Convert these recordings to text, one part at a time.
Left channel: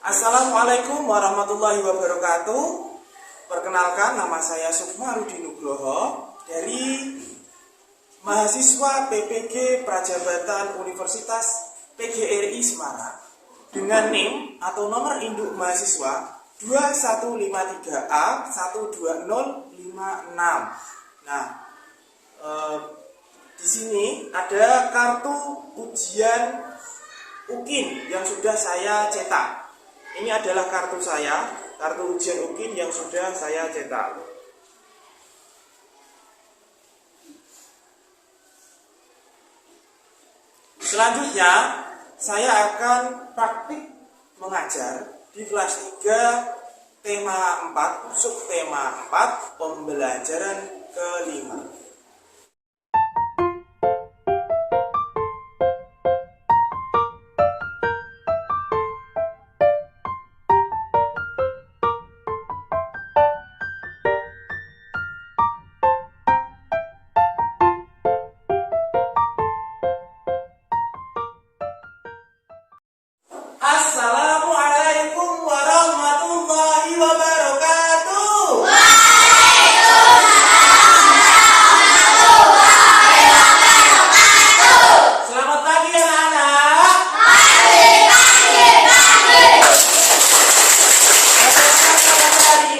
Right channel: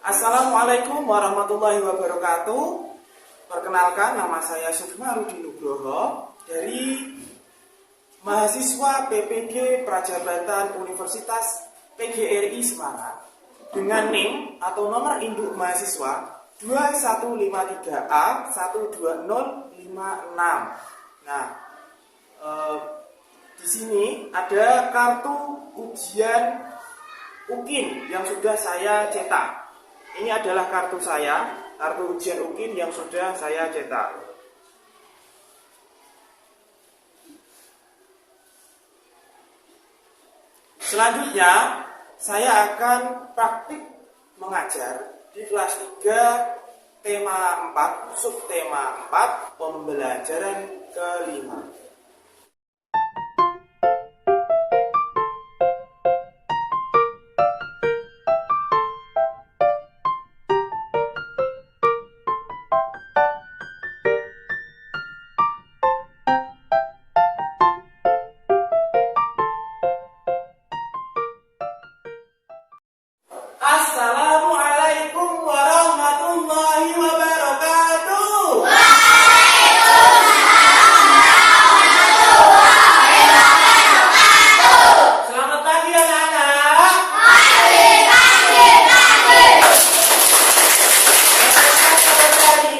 Assalamualaikum warahmatullahi wabarakatuh. Perkenalkan, nama saya Sukma Rudi Nugroho dari mahasiswa PPG Prajabatan Universitas PGRI Semarang dengan NIM atau nomor induk mahasiswa 2153A 12056. Nah, di sini ada kartu ujian UKIN yang sudah saya cetak. Ini adalah kartu saya, kartu ujian UKIN yang sudah saya cetak. Selanjutnya, saya akan praktik mengajar di kelas 3 tema 4, subtema 4, pembelajaran kelima. Assalamualaikum warahmatullahi wabarakatuh. Selamat pagi anak-anak. Hari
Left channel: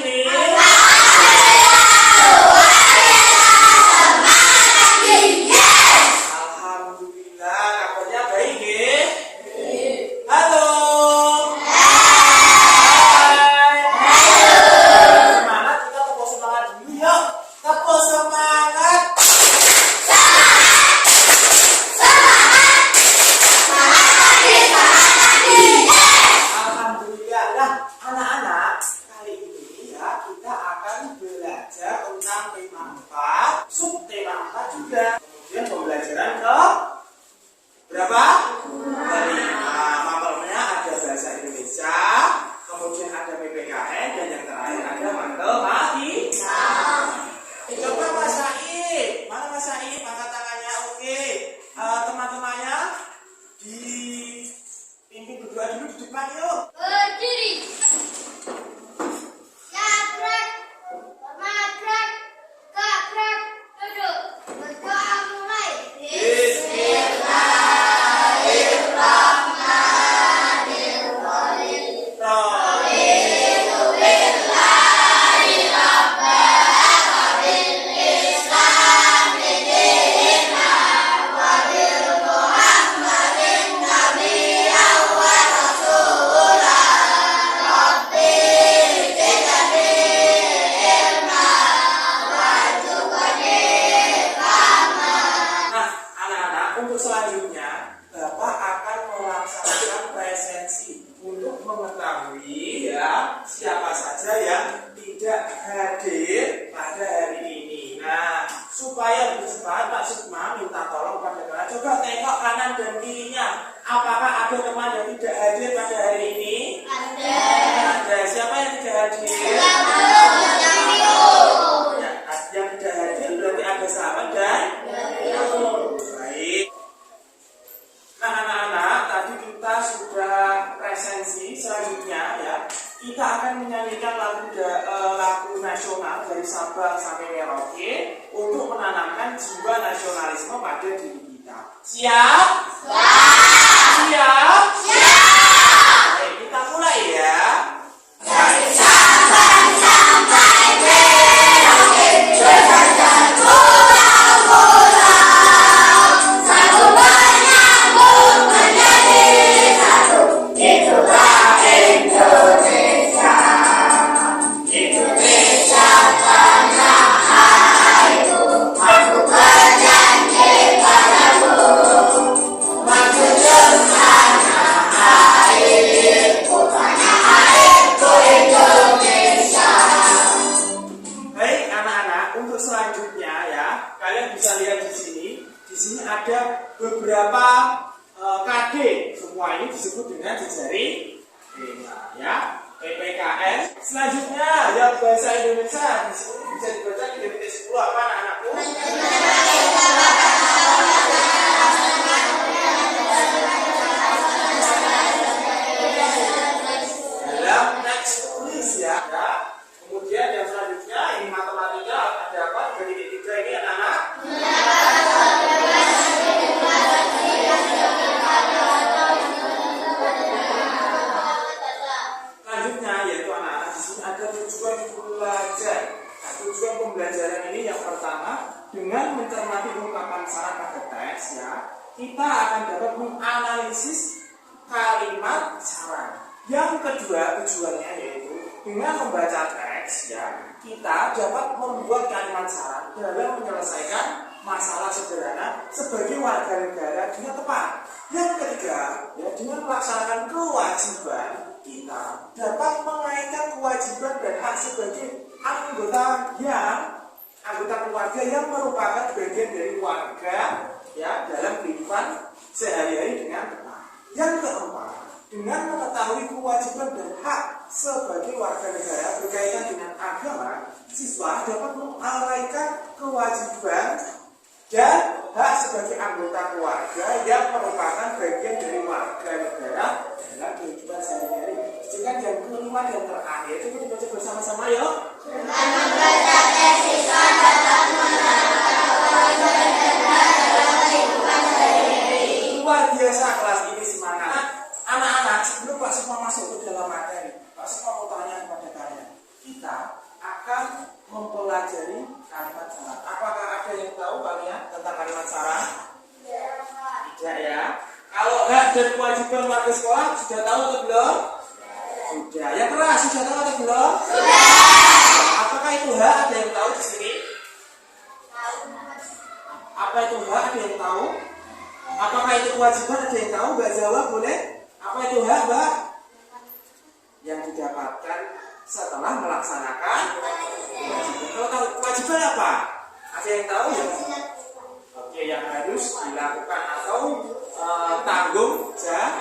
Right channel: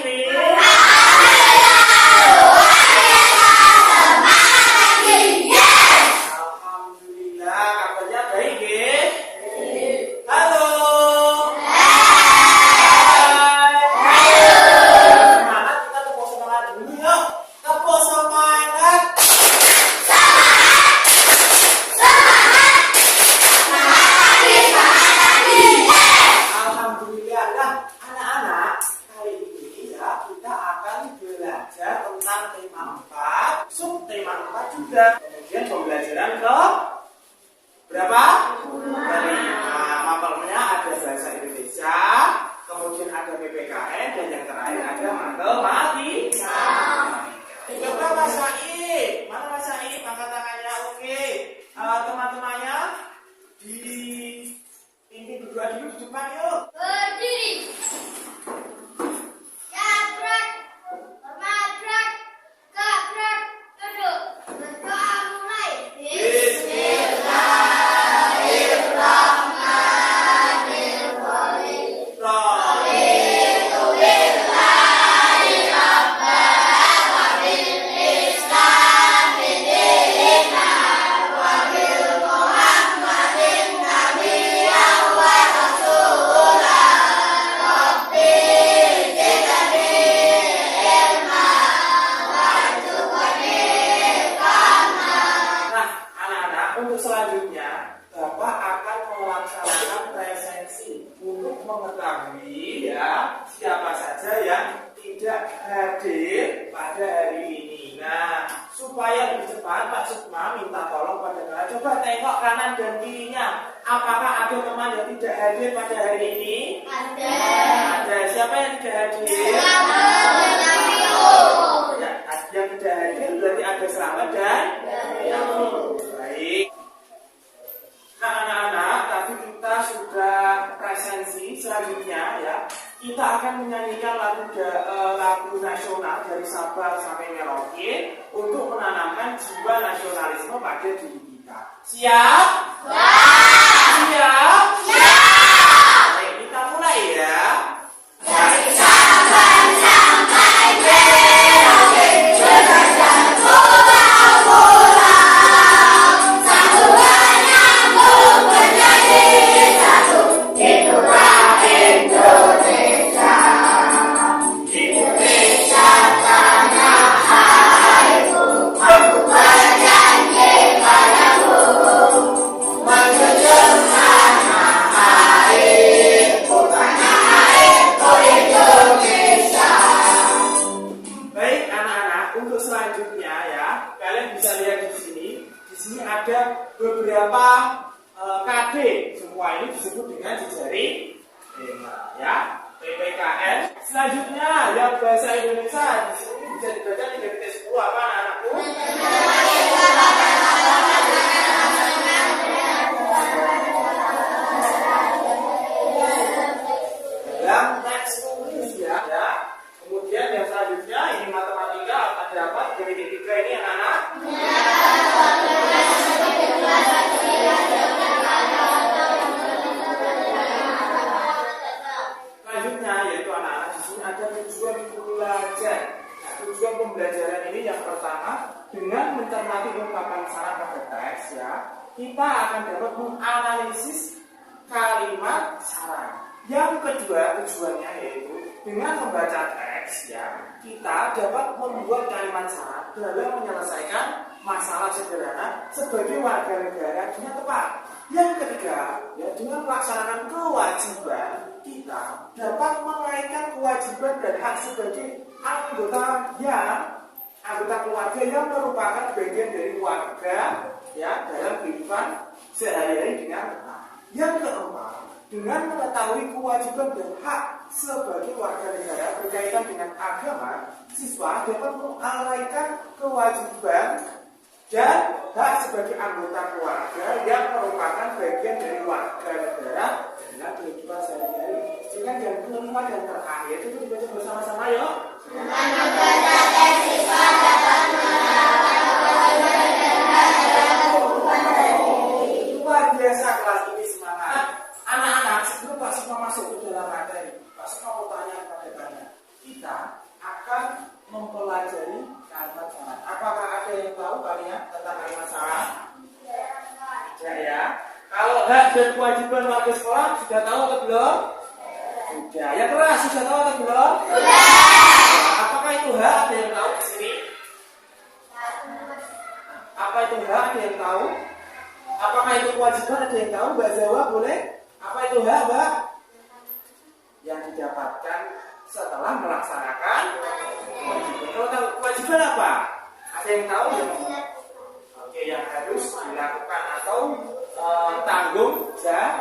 ini alhamdulillah kabarnya baik ya. Halo. Semangat, kita tepuk semangat dulu yuk. Tepuk semangat. Alhamdulillah. Nah, anak-anak, kali ini ya kita akan belajar tentang tema 4, subtema 4 juga. Kemudian pembelajaran ke berapa? Mapelnya ada bahasa Indonesia, kemudian ada PPKN, dan yang terakhir ada matematika. Coba Mas Said, mana Mas Said? Angkat tangannya, oke. Teman-temannya dipimpin berdua dulu di depan yuk. Berdiri. Gerak. Bergerak. Gerak. Duduk. Berdoa mulai. Untuk selanjutnya, Bapak akan melaksanakan presensi untuk mengetahui ya siapa saja yang tidak hadir pada hari ini. Nah, supaya lebih cepat, Pak Sukma minta tolong pada kalian coba tengok kanan dan kirinya. Apakah ada teman yang tidak hadir pada hari ini? Ada. Siapa yang tidak hadir? Ya, yang tidak hadir berarti ada Selamat dan baik. Nah, anak-anak, tadi kita sudah presensi. Selanjutnya ya, kita akan menyanyikan lagu nasional dari Sabang sampai Merauke untuk menanamkan jiwa nasionalisme pada diri kita. Siap? Siap? Baik, kita mulai ya. Dari Sabang sampai Merauke, berjalan pulau-pulau, satu menyambut menjadi satu. Itulah Indonesia. Indonesia tanah airku, aku bernyanyi padamu, menjunjung tanah airku, Indonesia. Baik anak-anak, untuk selanjutnya ya, kalian bisa lihat di sini. Di sini ada beberapa KD. Semua ini disebut dengan jejaring tema ya. PPKN. Selanjutnya yang bahasa Indonesia di sini bisa dibaca 3.10 apa anak-anakku? kita akan dapat menganalisis kalimat saran. Yang kedua tujuannya yaitu dengan membaca teks ya, kita dapat membuat kalimat saran dalam menyelesaikan masalah sederhana sebagai warga negara dengan tepat. Yang ketiga, ya, dengan melaksanakan kewajiban, kita dapat mengaitkan kewajiban dan hak sebagai anggota keluarga yang merupakan bagian dari warga ya dalam kehidupan sehari-hari dengan tepat. Yang keempat, dengan mengetahui kewajiban dan hak sebagai warga negara berkaitan dengan agama, siswa dapat menguraikan kewajiban dan hak sebagai anggota keluarga yang merupakan bagian dari warga negara dalam kehidupan sehari-hari. Sedangkan yang kelima dan terakhir itu kita baca bersama-sama yuk. Dengan membaca teks, siswa dapat menerapkan kewajiban dan hak dalam kehidupan sehari-hari. Luar biasa kelas ini, semangat. Anak-anak, sebelum Pak Sukma masuk ke dalam materi, Pak Sukma mau tanya kepada kalian. Kita akan mempelajari kalimat saran. Apakah ada yang tahu kalian tentang kalimat saran? Tidak ya. Kalau hak dan kewajiban warga sekolah sudah tahu atau belum? Sudah. Yang keras sudah tahu atau belum? Sudah. Apakah itu hak? Ada yang tahu di sini? Apa itu hak? Ada yang tahu? Apakah itu kewajiban? Ada yang tahu? Mbak jawab boleh? Apa itu hak, Mbak? Yang didapatkan setelah melaksanakan kewajiban. Kalau tahu kewajiban apa? Ada yang tahu ya? Oke, yang harus dilakukan atau tanggung jawab.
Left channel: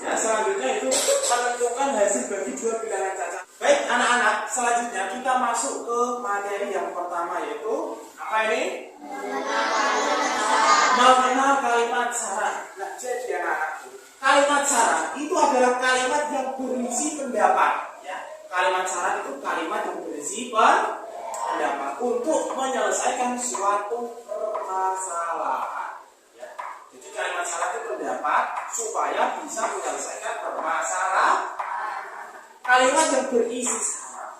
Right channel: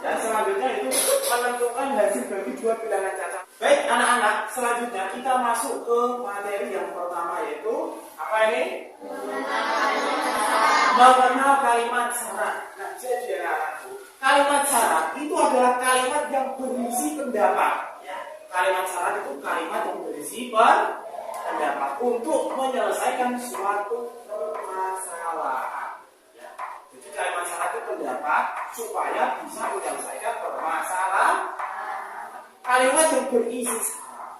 Ya, selanjutnya itu menentukan hasil bagi dua bilangan cacat. Baik, anak-anak, selanjutnya kita masuk ke materi yang pertama yaitu apa ini? Mengenal kalimat saran. Nah, jadi anak-anakku, kalimat saran itu adalah kalimat yang berisi pendapat. Ya, kalimat saran itu kalimat yang berisi pendapat untuk menyelesaikan suatu permasalahan. Ya, jadi kalimat saran itu pendapat supaya bisa menyelesaikan permasalahan. Kalimat yang berisi saran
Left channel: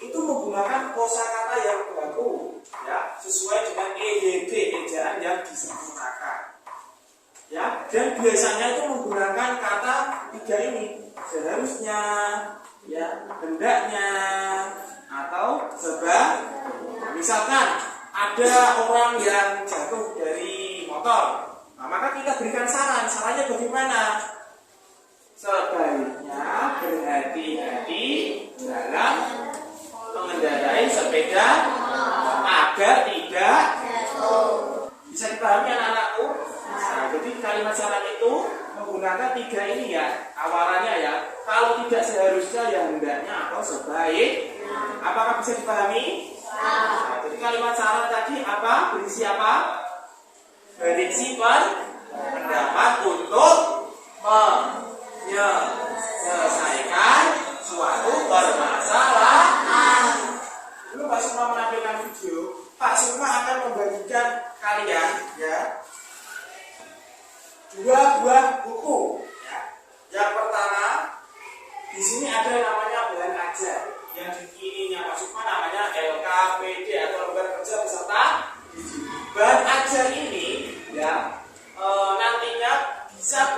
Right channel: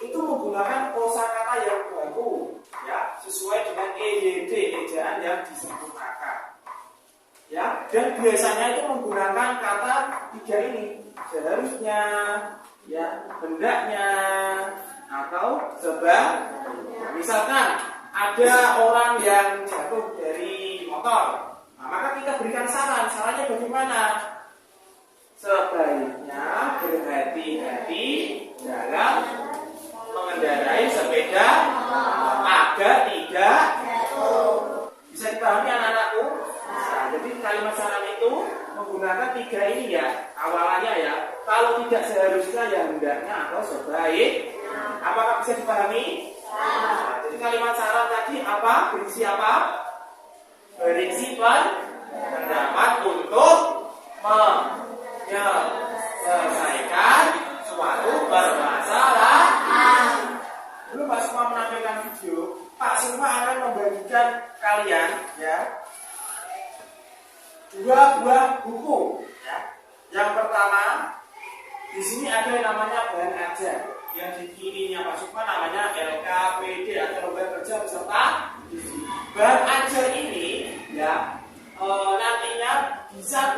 itu menggunakan kosakata yang baku, ya, sesuai dengan EYD, ejaan yang disempurnakan. Ya, dan biasanya itu menggunakan kata tiga ini, seharusnya, ya, hendaknya, atau sebaliknya. Misalkan ada orang yang jatuh dari motor, nah, maka kita berikan saran. Sarannya bagaimana? Sebaiknya berhati-hati dalam mengendarai sepeda agar tidak jatuh. Bisa dipahami anak-anakku? Nah, jadi kalimat saran itu menggunakan tiga ini ya. Awalannya ya, kalau tidak seharusnya ya hendaknya atau sebaik. Apakah bisa dipahami? Nah, jadi kalimat saran tadi apa? Berisi apa? Berisi pendapat untuk menyelesaikan suatu permasalahan. Dulu Pak Sukma menampilkan video, Pak Sukma akan membagikan kalian ya dua buah buku. Ya. Yang pertama, di sini ada yang namanya bahan ajar. Yang di kirinya Pak Sukma namanya LKPD atau lembar kerja peserta didik. Bahan ajar ini ya nantinya bisa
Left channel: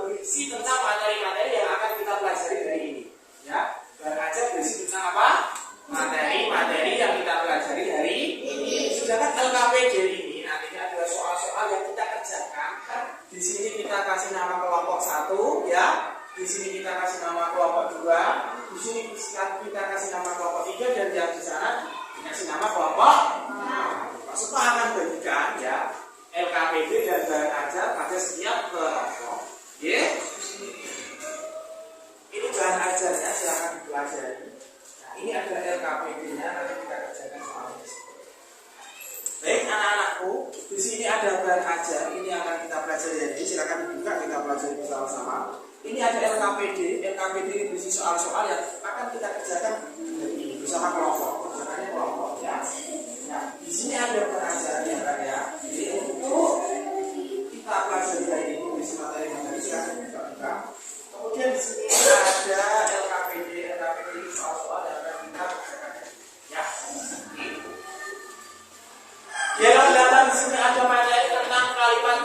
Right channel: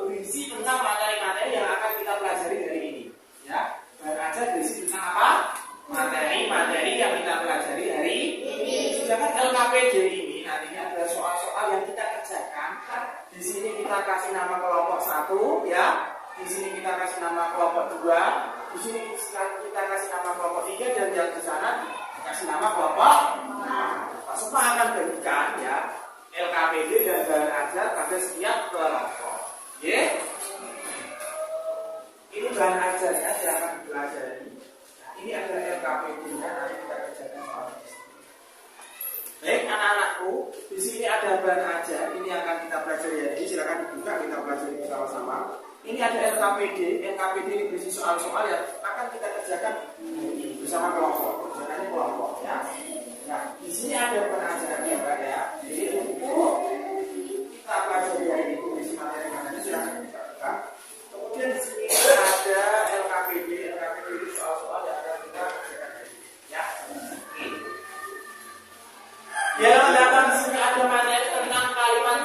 berisi tentang materi-materi yang akan kita pelajari hari ini. Ya, bahan ajar berisi tentang apa? Materi-materi yang kita pelajari hari ini. Sedangkan LKPD ini nantinya adalah soal-soal yang kita kerjakan. Di sini kita kasih nama kelompok 1, ya. Di sini kita kasih nama kelompok 2. Di sini kita kasih nama kelompok 3 dan yang di sana dikasih nama kelompok. Pak Sukma akan bagikan ya LKPD dan bahan ajar pada setiap kelompok. Oke? Ini bahan ajarnya silakan dipelajari. Nah, ini adalah LKPD-nya, nanti kita kerjakan soalnya. Baik anak-anakku, di sini ada bahan ajar, ini akan kita pelajari hari ini. Silakan dibuka, kita pelajari bersama-sama. Ini ada LKPD. LKPD ini berisi soal-soal yang akan kita kerjakan hari ini bersama kelompok. Kerjakannya kelompok ya. Nah, di sini ada bahan ajar ya kan ya. Jadi untuk kita pelajari hari ini berisi materi-materi silakan dibuka. Kemudian di sini ada LKPD. LKPD ini soal-soal yang akan kita kerjakan hari ini ya. Ya, kelihatan di sini ada materi tentang kalimat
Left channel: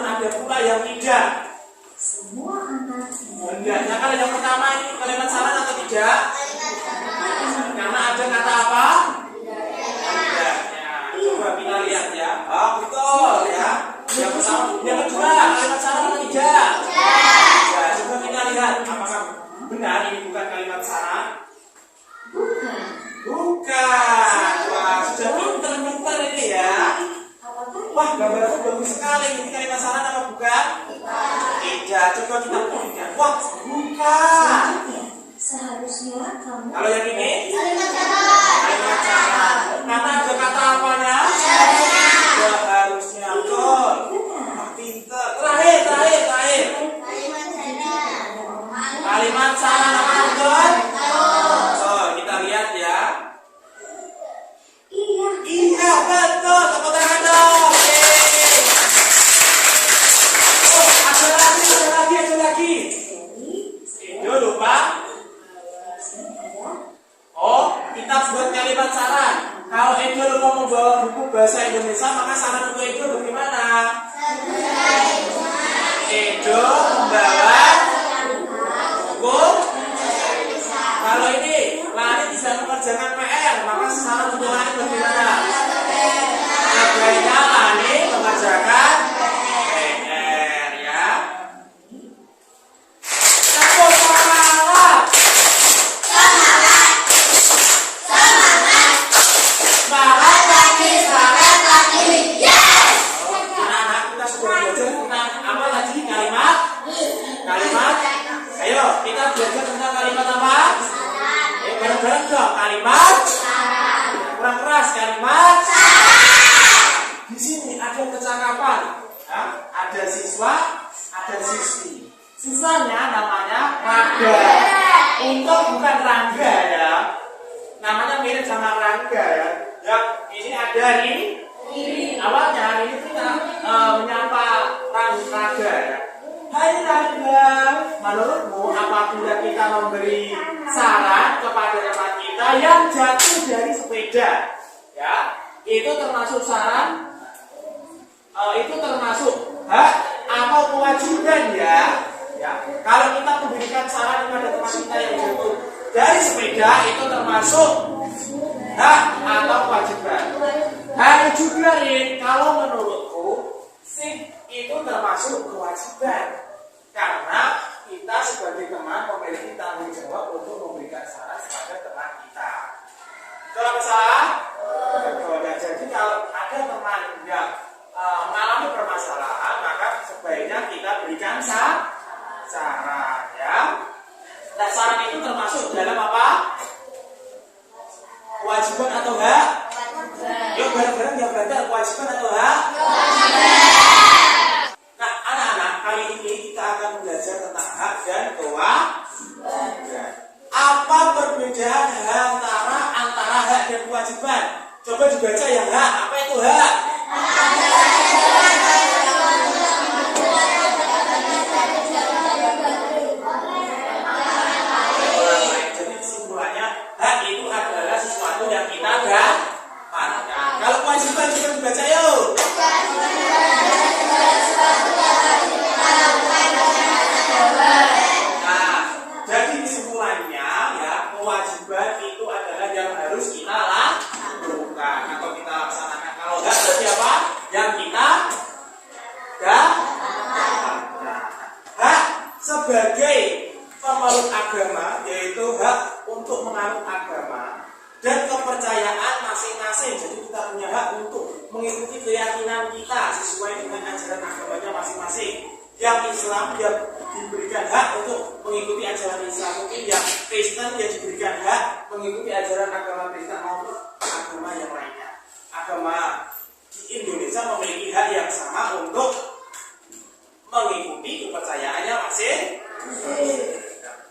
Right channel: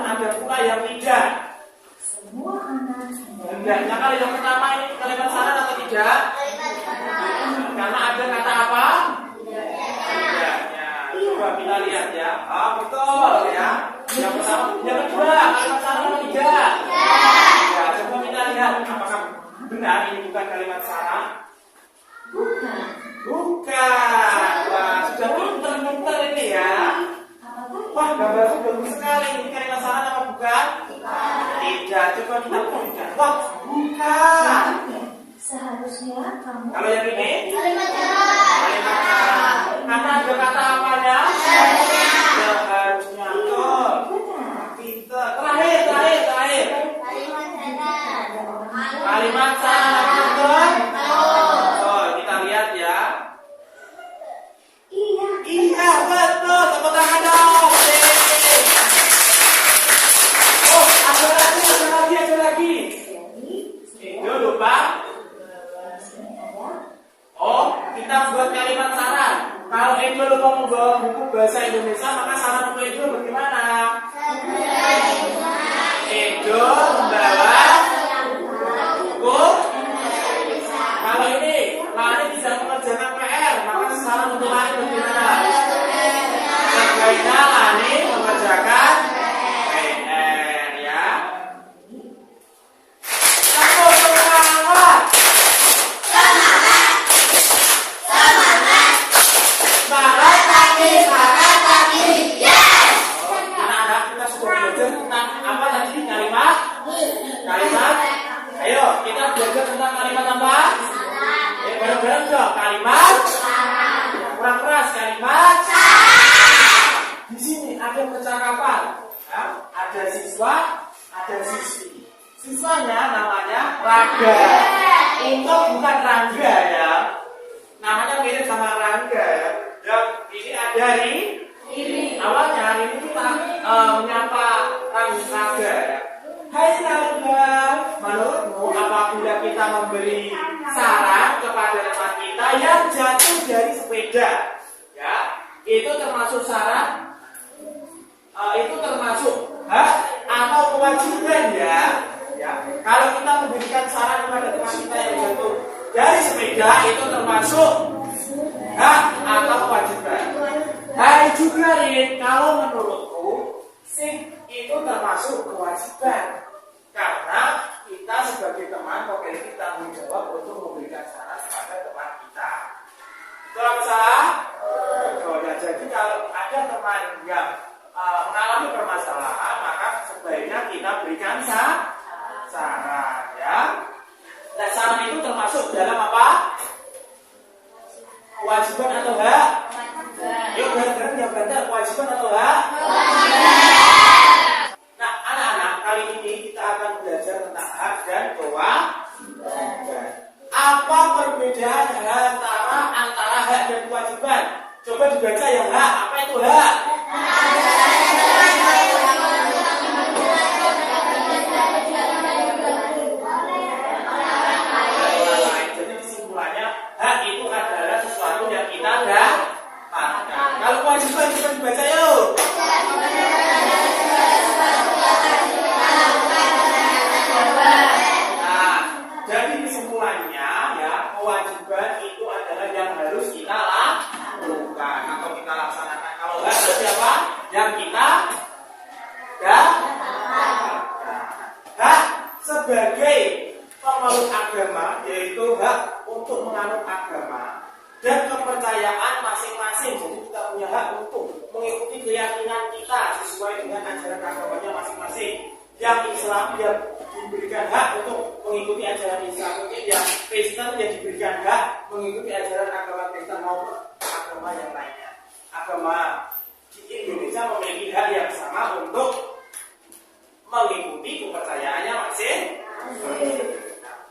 namun ada pula yang tidak. Semua anak Hendaknya kalau yang pertama ini kalimat syarat atau tidak? Karena ada kata apa? Hendaknya. Coba kita lihat ya. Oh betul ya. Yang pertama, yang kedua kalimat syarat atau tidak? Ya, coba kita lihat apakah benar ini bukan kalimat syarat? bukan. Bukan. Wah, sudah pintar-pintar ini ya. Apakah Wah, gambarnya bagus sekali. Ini kalimat syarat apa bukan? Tidak. Coba kita buktikan. Wah, bukan. seharusnya kamu Kalau yang ini Kalimat syarat. kalimat syarat. Karena ada kata apanya? Seharusnya. Betul. benar. Pintar. Terakhir. Kalimat syarat. Kalimat syarat apa betul? Oh, kita lihat ya. Iya. Iya, betul. Tepuk tangan dong. Yeay. Oh, ada lagi. Jadi Itu lupa. sini ada Oh, kita buat kalimat syarat. Kalau Edo lupa membawa buku bahasa Indonesia, maka saran untuk Edo bagaimana? Edo membawa buku. Kalau ini Lani tidak mengerjakan PR, maka saran untuk Lani bagaimana? Sebaiknya Lani mengerjakan PR ya. Tepuk semangat. Semangat pagi. Oh, anak-anak kita sudah belajar tentang apa tadi kalimat? Ayo kita belajar tentang kalimat apa? Bareng-bareng dong kalimat. Kurang keras kalimat. Di sini ada percakapan. Ya, ada siswa, ada siswi. Siswanya namanya Raga. Untung bukan Rangga ya. Namanya mirip sama Rangga ya. Yang ini ada ini. Awalnya ini kita menyapa Rangga ya. Hai Rangga, menurutmu apabila kita memberi saran kepada teman kita yang jatuh dari sepeda, ya, itu termasuk saran? Itu termasuk hak atau kewajiban ya? Ya, kalau kita memberikan saran kepada teman kita yang jatuh dari sepeda itu termasuk hak atau kewajiban? Hai juga Rin, kalau menurutku sih itu termasuk kewajiban karena kita sebagai teman memiliki tanggung jawab untuk memberikan saran kepada teman kita. Betul apa salah? Betul. Jadi kalau ada teman yang mengalami permasalahan, maka sebaiknya kita berikan saran ya. Dan saran itu termasuk dalam apa? Kewajiban atau hak? Yuk bareng-bareng jawab benar, kewajiban atau hak? Nah, anak-anak, kali ini kita akan belajar tentang hak dan kewajiban. Apa perbedaan antara hak dan kewajiban? Coba dibaca yang hak. Apa itu hak? Jadi kesimpulannya, hak itu adalah sesuatu yang kita dapatkan. Kalau kewajiban coba dibaca yuk. Nah, jadi kesimpulannya ya, kewajiban itu adalah yang harus kita lakukan atau kita laksanakan. Kalau hak berarti apa? Yang kita dapatkan. Hak sebagai pemeluk agama yaitu hak untuk menganut agama dan kepercayaan masing-masing. Jadi kita punya hak untuk mengikuti keyakinan kita sesuai dengan ajaran agamanya masing-masing. Yang Islam yang diberikan hak untuk mengikuti ajaran Islam, mungkin yang Kristen yang diberikan hak mengikuti ajaran agama Kristen maupun agama yang lainnya. Agama di Indonesia memiliki hak yang sama untuk mengikuti kepercayaannya masing-masing.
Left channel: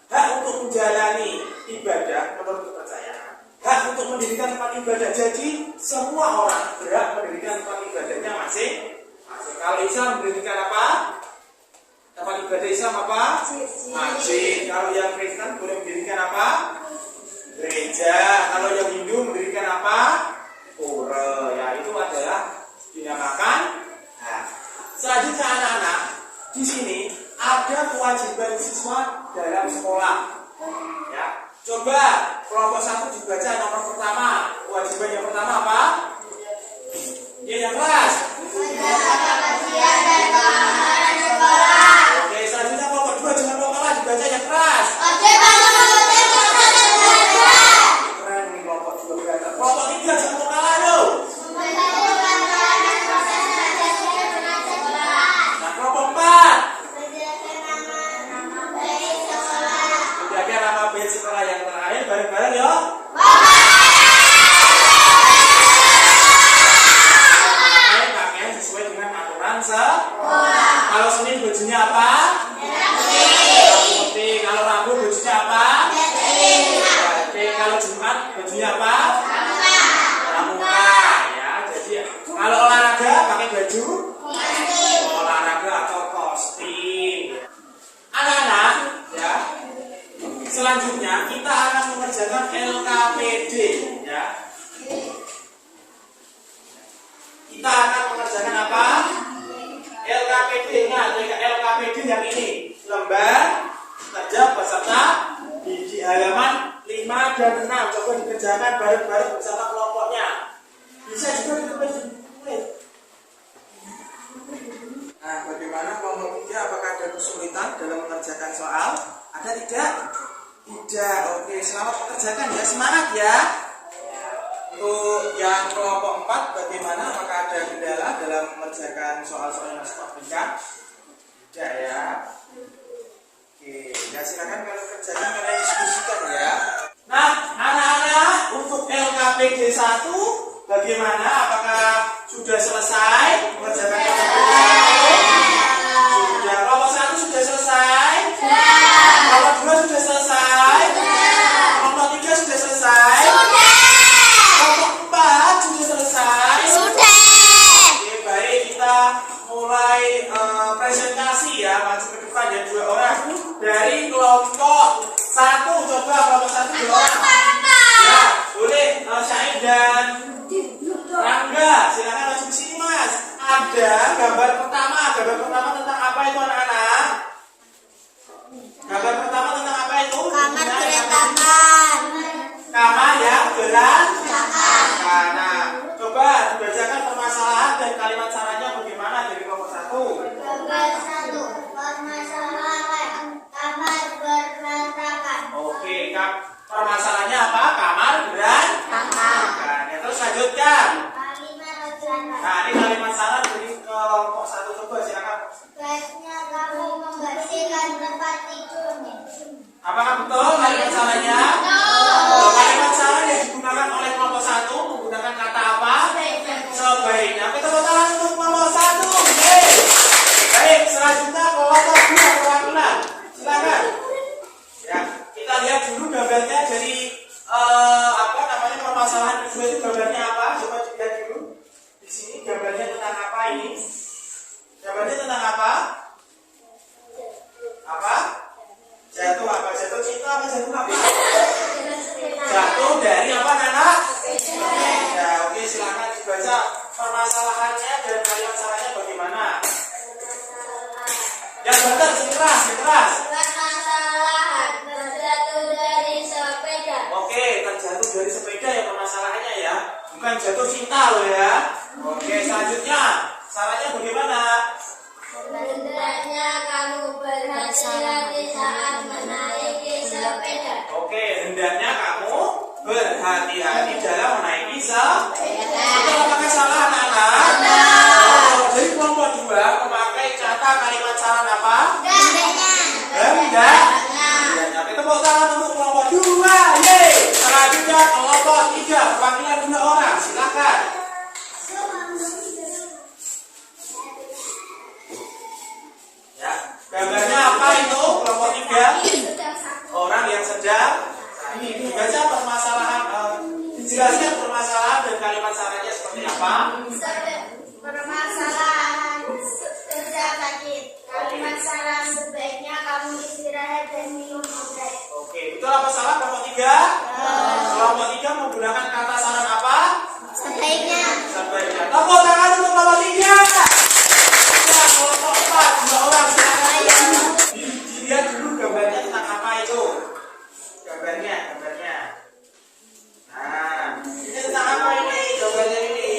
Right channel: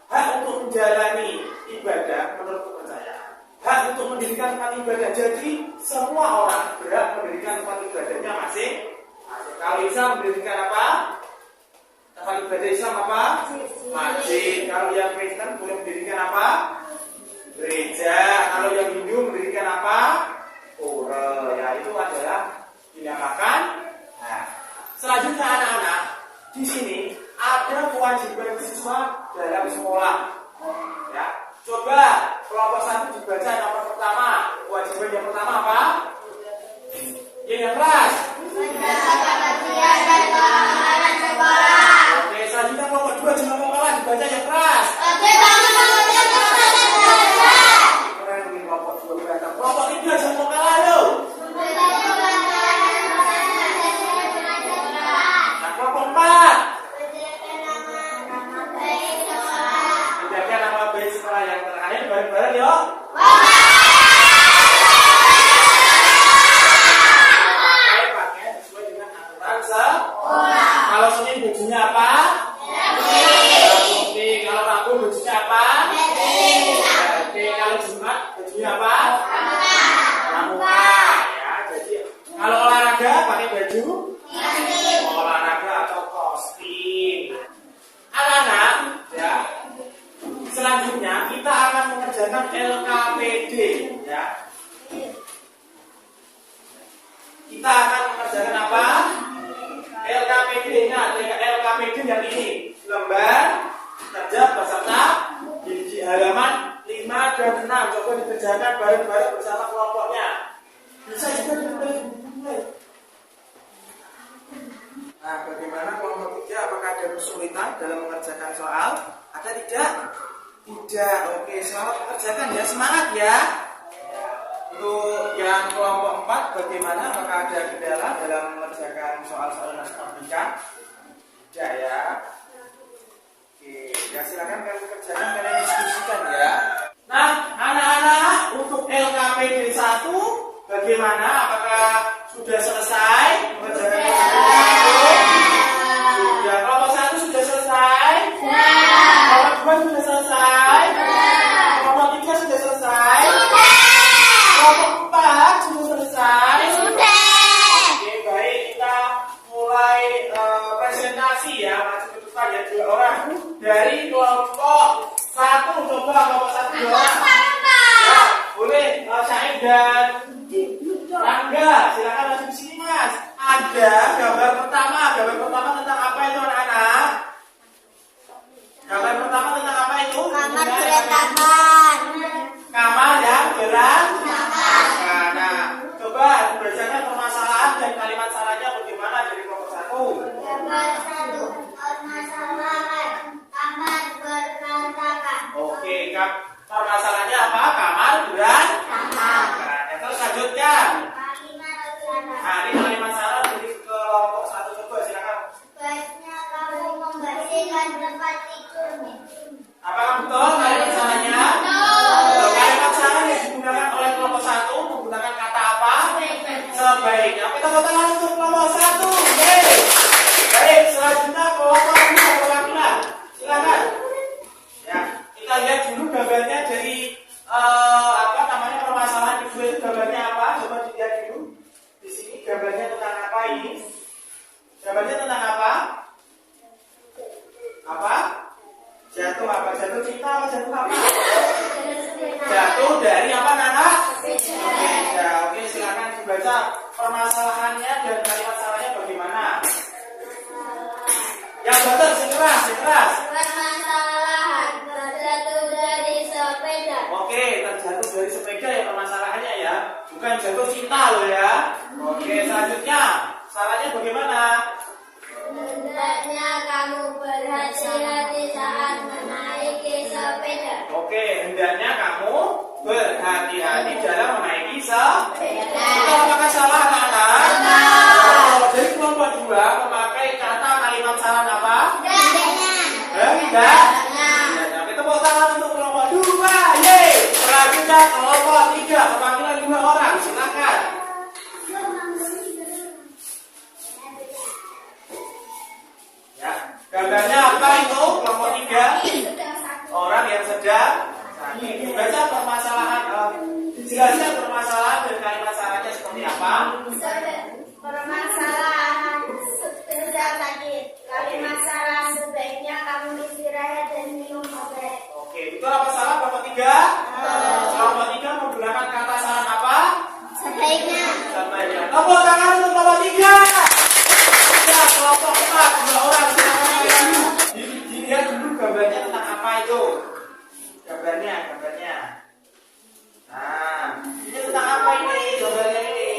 Hak untuk menjalani ibadah menurut kepercayaan, hak untuk mendirikan tempat ibadah. Jadi semua orang berhak mendirikan tempat ibadahnya masing-masing. Kalau Islam mendirikan apa? Tempat ibadah Islam apa? Masjid. Kalau yang Kristen boleh mendirikan apa? Gereja. Kalau yang Hindu mendirikan apa? Pura. Ya, itu adalah dinamakan hak. Selanjutnya anak-anak, di sini ada kewajiban siswa dalam sekolah. Ya, coba kelompok 1 dibaca nomor pertama. Kewajiban yang pertama apa? Ya, yang keras. Kebersihan dan keamanan sekolah. Oke, selanjutnya kelompok 2 jangan kalah dibaca yang keras. Wajib bangun kemudian proses belajar. Keren nih kelompok 2 berantak. Kelompok 3 jangan kalah lo. Nah, kelompok 4 menjaga nama baik sekolah yang terakhir bareng-bareng yuk. Pakai sesuai dengan aturan sekolah. Kalau Senin bajunya apa? Putih. Kalau Rabu bajunya apa? Oke, kalau Jumat bajunya apa? Pramuka. Ya, jadi kalau olahraga pakai baju olahraga atau kostum. Anak-anak, ya. Selanjutnya kita akan mengerjakan LKPD, ya. Kita akan mengerjakan apa? LKPD-nya. LKPD yang ini, lembar kerja peserta di halaman 5 dan 6. Coba dikerjakan bareng-bareng bersama kelompoknya. Bisa juga ditulis. Nah, bagaimana kelompok 3? Apakah ada kesulitan dalam mengerjakan soal? Ada tidak? Tidak. Oke, selamat mengerjakan ya. Semangat ya. Untuk yang kelompok 4, bagaimana? Apakah ada kendala dalam mengerjakan soal-soal matematika? Tidak ya. Oke, ya silakan kalian kerjakan, kalian diskusikan ya. Nah, anak-anak, untuk LKPD 1 bagaimana? Apakah sudah selesai mengerjakan LKPD 1? Sudah. Kelompok 1 sudah selesai? Kelompok 2 sudah selesai? Kelompok 3 sudah selesai? Kelompok 4 sudah selesai? Oke, baik, kita mulai presentasi ya, maju ke depan ya, 2 orang dari kelompok 1. Coba kelompok 1 2 orang. Ya, boleh Syahid dan Rangga, silakan masuk ke sini Mas. Ada gambar pertama tentang apa itu anak-anak? Gambar pertama tentang apa itu? Kamar berantakan. Kamar yang berantakan. Nah, coba dibacakan permasalahan dan kalimat sarannya bagaimana dari kelompok 1. Gambar 1. Permasalahan kamar berantakan. Oke, permasalahannya apa? Kamar berantakan. Ya, terus lanjutkan. Kalimat berantakan. Nah, ini kalimat saran dari kelompok 1. Coba silakan. Baiknya kamu membersihkan tempat tidurnya. Apakah betul kalimat sarannya? Betul. Kalimat saran yang digunakan oleh kelompok 1 menggunakan kata apa? Sebaiknya. Kita tangan untuk kelompok 1. Baik, selanjutnya kelompok 2 perwakilan. Silakan. Ya, kita lihat dulu gambarnya dari permasalahan kedua itu gambarnya apa? Coba dilihat dulu. Di sini gambarnya tentang apa ini? Gambarnya tentang apa? Apa? Jatuh apa? Jatuh cinta apa? Jatuh apa? Jatuh dari apa, Nana? Ya, oke, silakan dibaca permasalahannya dan kalimat salahnya bagaimana? Yang betul, keras. Permasalahan terjatuh dari sepeda. Oke, terjatuh dari sepeda ya permasalahannya ya. Bukan jatuh cinta loh ya. Oke, selanjutnya salahnya bagaimana? Hendaknya kamu berhati-hati saat menaiki sepeda. Oke, hendaknya kamu berhati-hati dalam menaiki sepeda. Itu apakah salah, anak-anak? Jadi kelompok 2 memakai kata kalimat saran apa? Hendak. Oke, tepuk tangan untuk kelompok 2. Yeay. Selanjutnya kelompok 3 perwakilan 2 orang. Silakan. Ya, gambarnya apa itu? Kelompok 3 orang yang sedang sakit. Dibaca permasalahan, dijelaskan permasalahan dan kalimat sarannya seperti apa? Permasalahan sedang sakit. Kalimat salah sebaiknya kamu istirahat dan minum obat. Oke, betul apa salah kelompok 3? Kelompok 3 menggunakan kata saran apa? Sebaiknya. Sebaiknya. Tepuk tangan untuk kelompok 3. Ya, itu? Gambarnya. Nah, ini tentang apa ini? Gambarnya ini.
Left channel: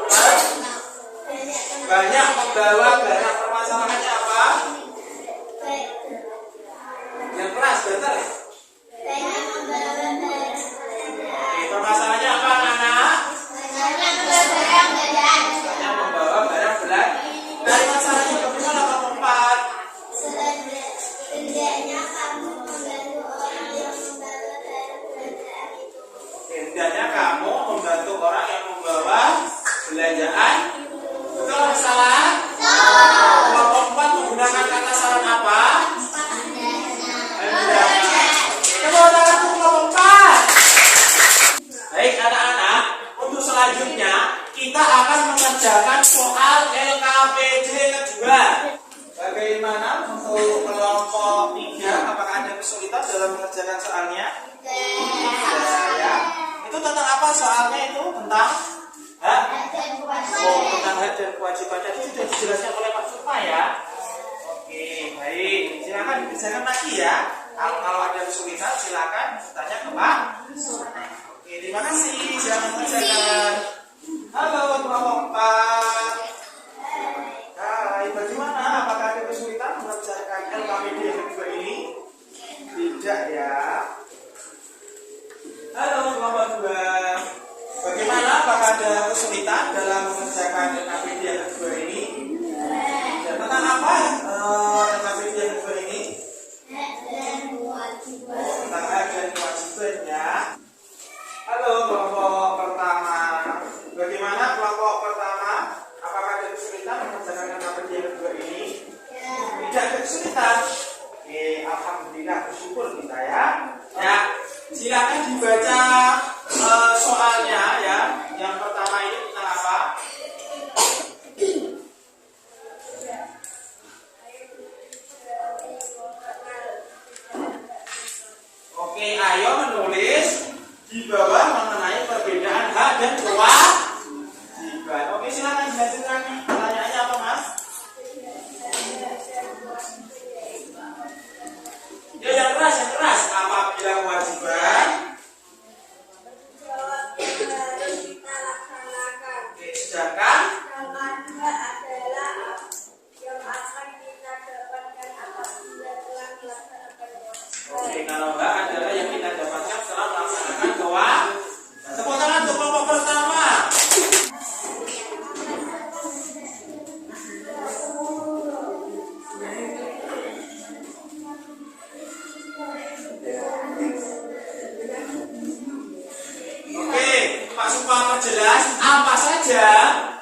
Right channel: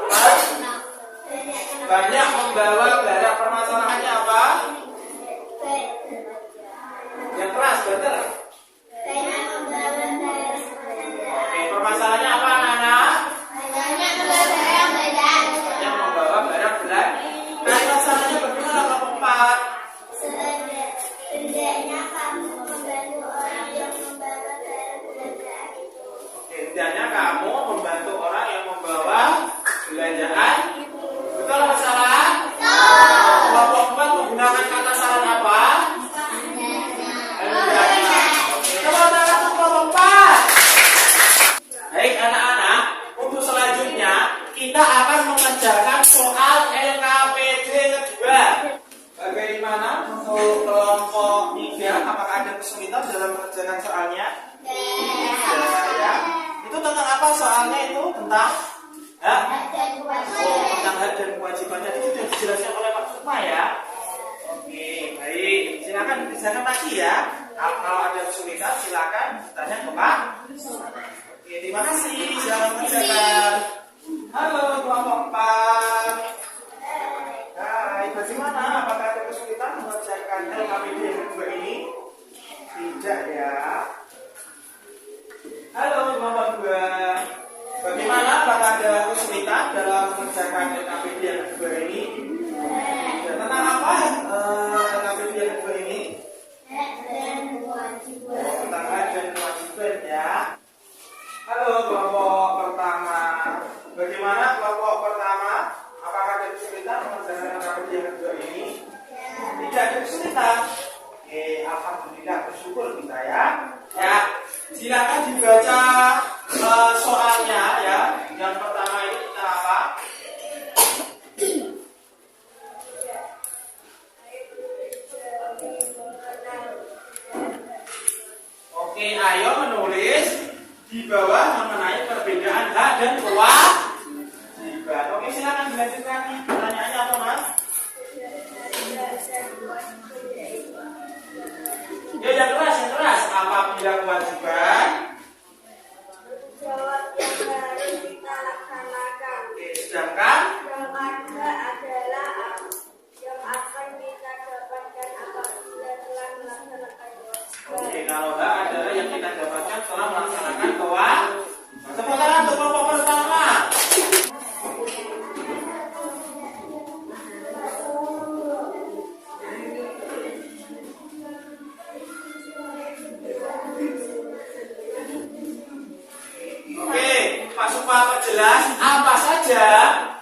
Apa? Banyak membawa barang. Permasalahannya apa? Yang keras, betul? Banyak membawa barang. Oke, permasalahannya apa anak-anak? Banyak membawa barang belanjaan. Banyak membawa barang belanjaan. Nah, masalahnya bagaimana kelompok 4? Hendaknya kamu membantu orang yang membawa barang belanjaan itu. Hendaknya kamu membantu orang yang membawa belanjaan. Betul atau salah? Kelompok 4 menggunakan kata saran apa? Hendaknya. Coba tangan untuk kelompok 4. Baik anak-anak, untuk selanjutnya kita akan mengerjakan soal LKPD kedua. Bagaimana untuk kelompok 3? Apakah ada kesulitan dalam mengerjakan soalnya? Ya. Itu tentang apa soalnya itu? Tentang tentang hak dan kewajiban. Tadi sudah dijelaskan oleh Pak Sukma ya. Oke, baik. Silakan dikerjakan lagi ya. Kalau ada kesulitan silakan tanya ke Pak. Oke, terima kasih. Silakan kerjakan. Halo kelompok 4. Hai, bagaimana? Apakah ada kesulitan mengerjakan LKPD yang kedua ini? Tidak ya. Halo kelompok 2. Bagaimana? Apakah ada kesulitan dalam mengerjakan LKPD yang kedua ini? Dan tentang apa LKPD yang kedua ini? Tentang hak dan kewajiban ya. Halo kelompok pertama. Bagaimana kelompok pertama? Apakah ada kesulitan mengerjakan LKPD yang kedua ini? Tidak ada kesulitan. Oke, alhamdulillah, bersyukur kita ya. Ya, silakan dibaca soalnya ya. Yang pertama ini tentang apa? Oke, ayo menulis di bawah mengenai perbedaan hak dan kewajiban. Oke, silakan dilanjutkan. Pertanyaannya apa, Mas? Ya, yang keras. Apabila kewajiban Harus kita laksanakan. Oke, sedangkan Yang kedua adalah yang akan kita dapatkan apabila telah melaksanakan oke, kalau hak adalah yang kita dapatkan setelah melaksanakan kewajiban. Tepuk tangan untuk kelompok pertama. Oke, Pak Supa perjelas apa saja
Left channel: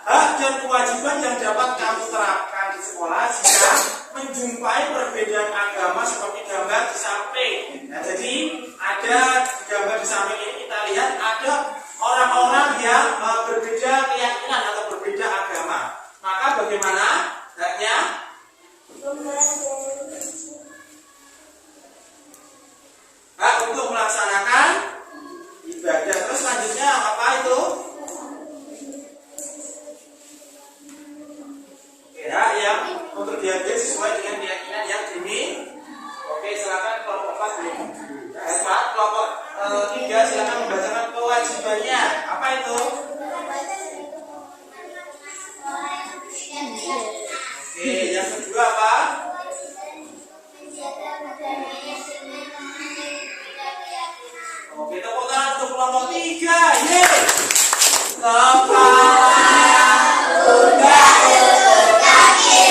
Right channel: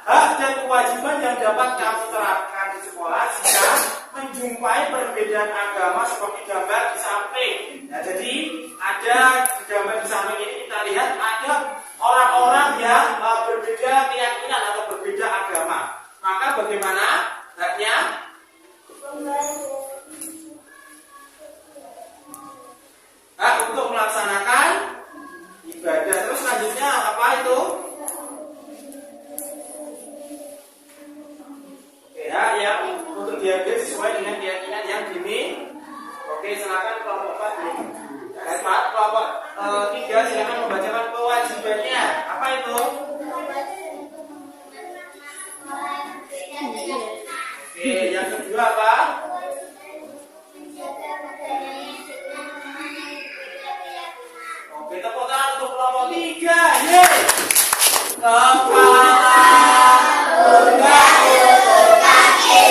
hak dan kewajiban yang dapat kamu terapkan di sekolah jika menjumpai perbedaan agama seperti gambar di samping. Nah, jadi ada di gambar di samping ini kita lihat ada orang-orang yang berbeda keyakinan atau berbeda agama. Maka bagaimana haknya? Hak untuk melaksanakan ibadah. Terus selanjutnya apa itu? Oke, hak yang untuk diambil sesuai dengan keyakinan yang dimiliki. Oke, silakan kelompok 4 dulu. Kelompok 3 silakan membacakan kewajibannya. Apa itu? Oke, yang kedua apa? Oke, tepuk tangan untuk kelompok 3. Yeay! Kepala, pundak, lutut, kaki,